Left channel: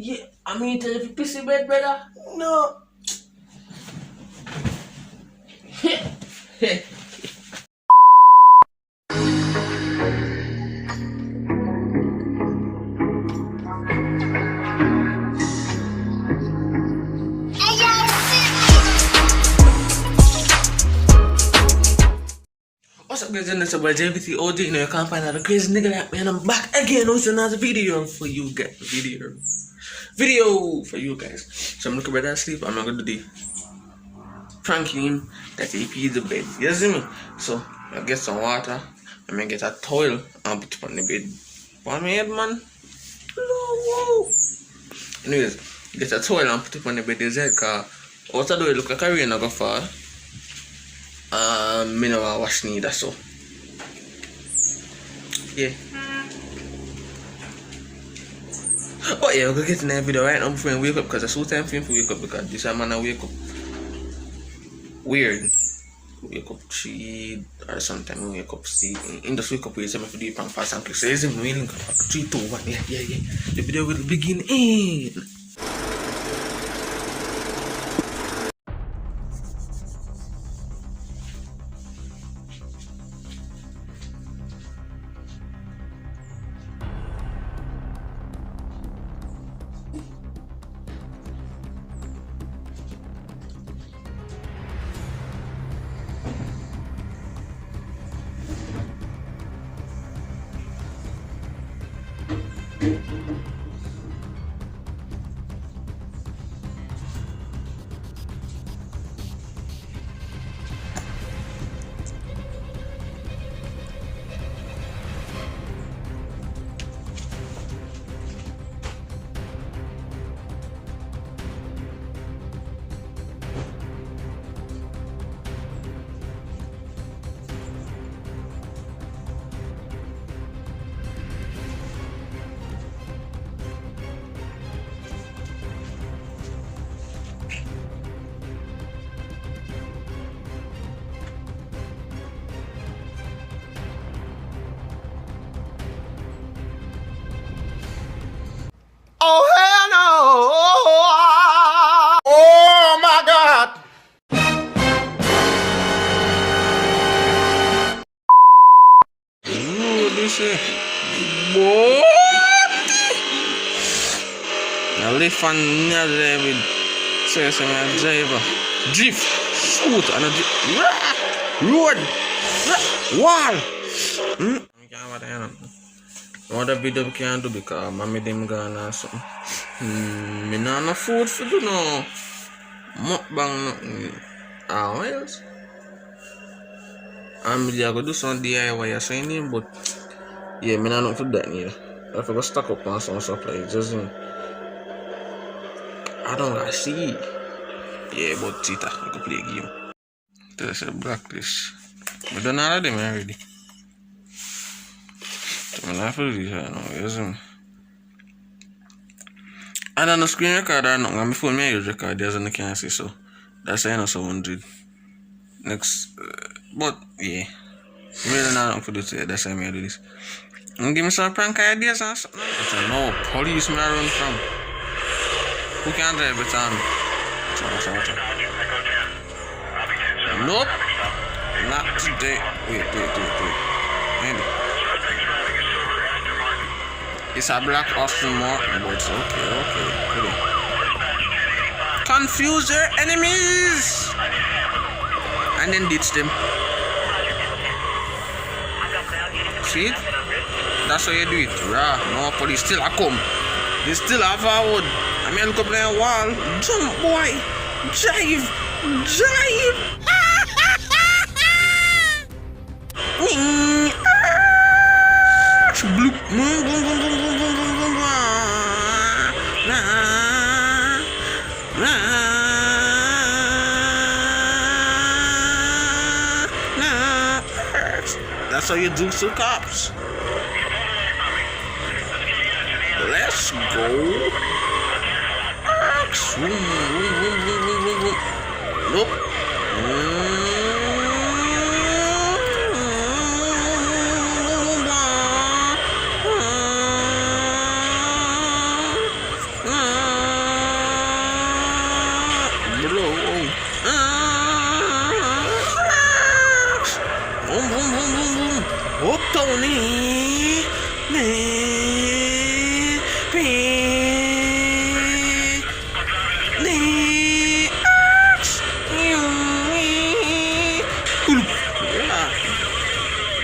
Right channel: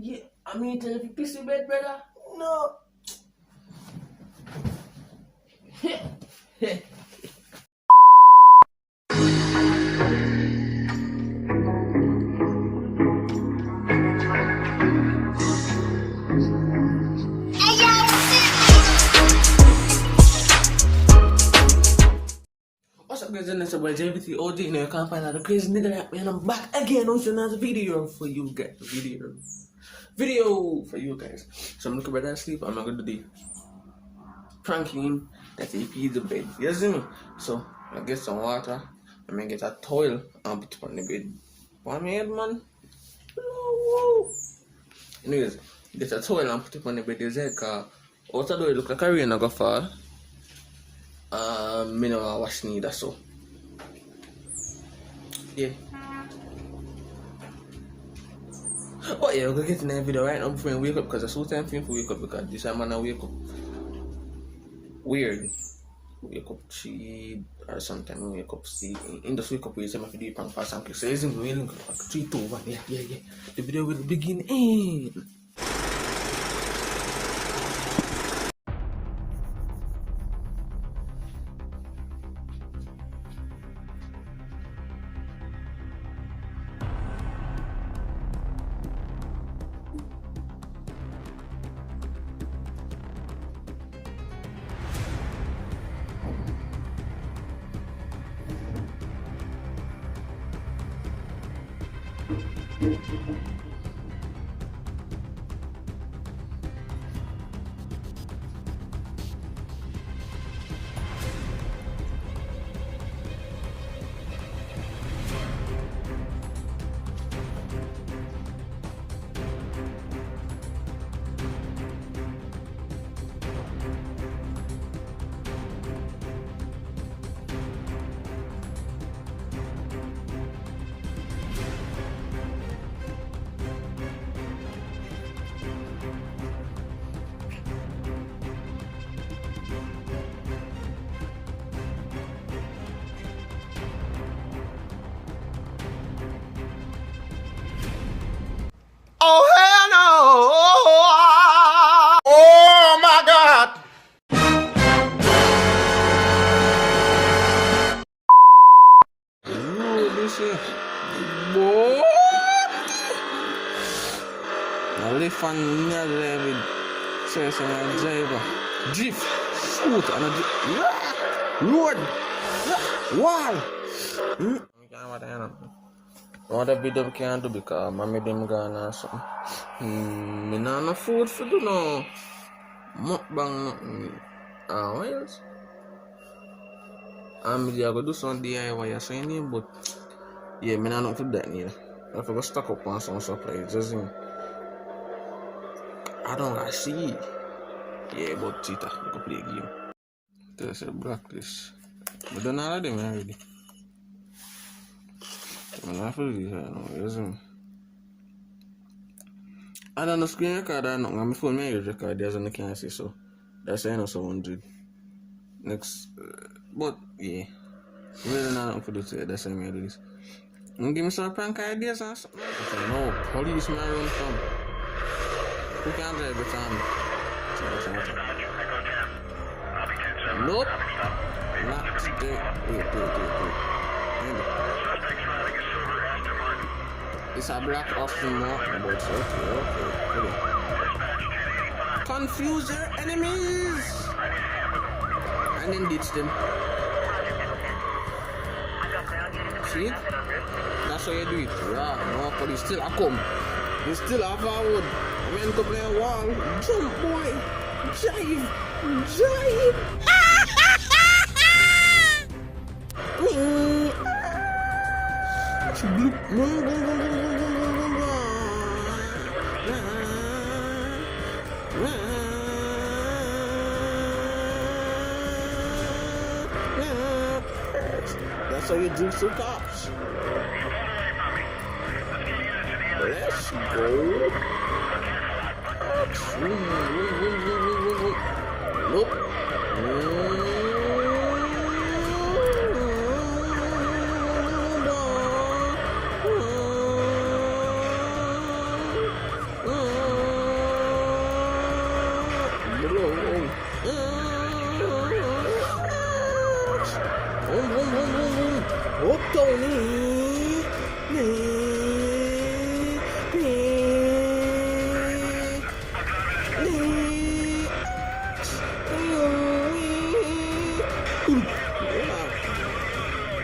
Yeah, I mean, tell if you pissy bed, brother. No. What's up, guys? It's about JVT OG. You know, you can't find out the crazy nigga like me, and I'm back again with another video for you guys. Video for you guys. So I'm looking better asleep. I'm not gonna do the pranking that he peed the bed. You see me? So I get some water. I'm gonna get a towel and put it on the bed. On my head, man. Anyways, get a towel and put it on the bed. Is it? Cause what I do, look like a rain I go fall. Me no wash neither, so yeah. But yeah, we're gonna get in that video right now before we wake up, because it's so time for him to wake up, because this man I wake up weird. Wake up 3 or sometime we wake up see in the wake up we say me do prank fast and quick. So is him waiting 3, 2, 1, yeah. The video will begin in. Oh, hell no. Oh, my God. Listen, boy. I live on near there with say my driver. Drift, shoot, and a road, wall. What a video we can't do because mommy them gone or something. Me not no food for do no mukbang nothing. What else? I'm go do some DIY or something, but yeah, me not for that neither. I forgot stock up on some supplies, just I don't like see. Yeah, but cheetah, I could play a game. There's a blacklist. We done all of them already. I'm not for this right now, yes. I don't know screen record or nothing. On my phone, I use record, there's no can't see, so that's why I know someone did. Next, but yeah, really not for this, that's why I do this. And give me some prank ideas or something. It's a no police me I run from. Who can drive better me? Watch out. Nope, not today. Wait. Maybe. It's a black Austin Martin, but okay. Confuse your enemies and then ditch them. See? That's how you do it. No police still a come. They still have forward. I mean, look up there wall. Jump, boy. Drive. Bloop. Boom. That's how you do some cops. Let's go. Nope. Uptown,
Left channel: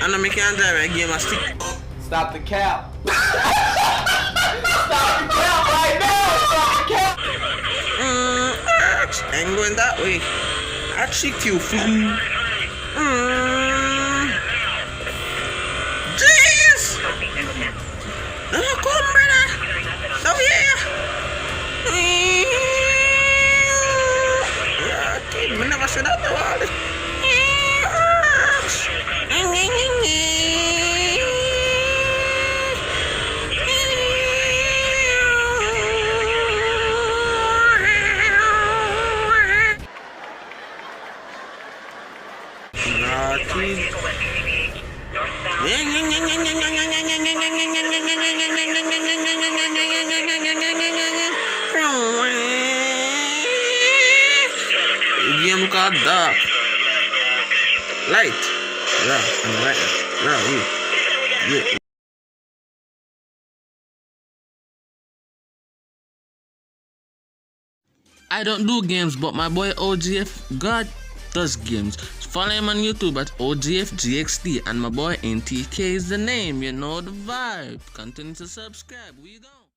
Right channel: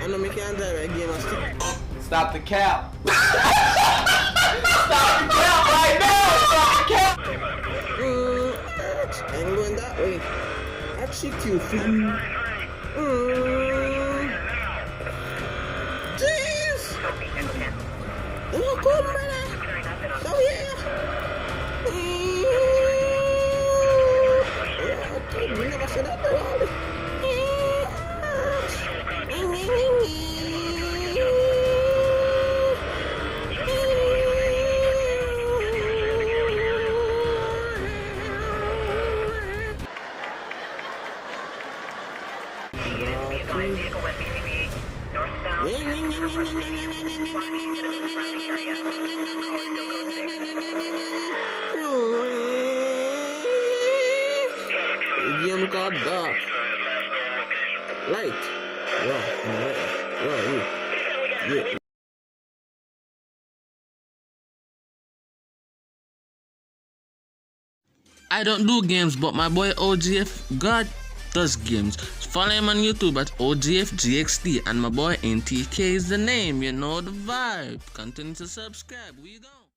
I know me can't drive a game of stick. Stop the cap. Stop the cap right now. Stop the cap. Ain't going that way. I trick you, fool. Jeez! Don't come, brother. No, yeah. We never said that word. Game called dark. Light. Yeah, and light. Yeah. I don't do games, but my boy OGF God does games. Follow him on YouTube at OGFGXD, and my boy NTK is the name. You know the vibe. Continue to subscribe. We go.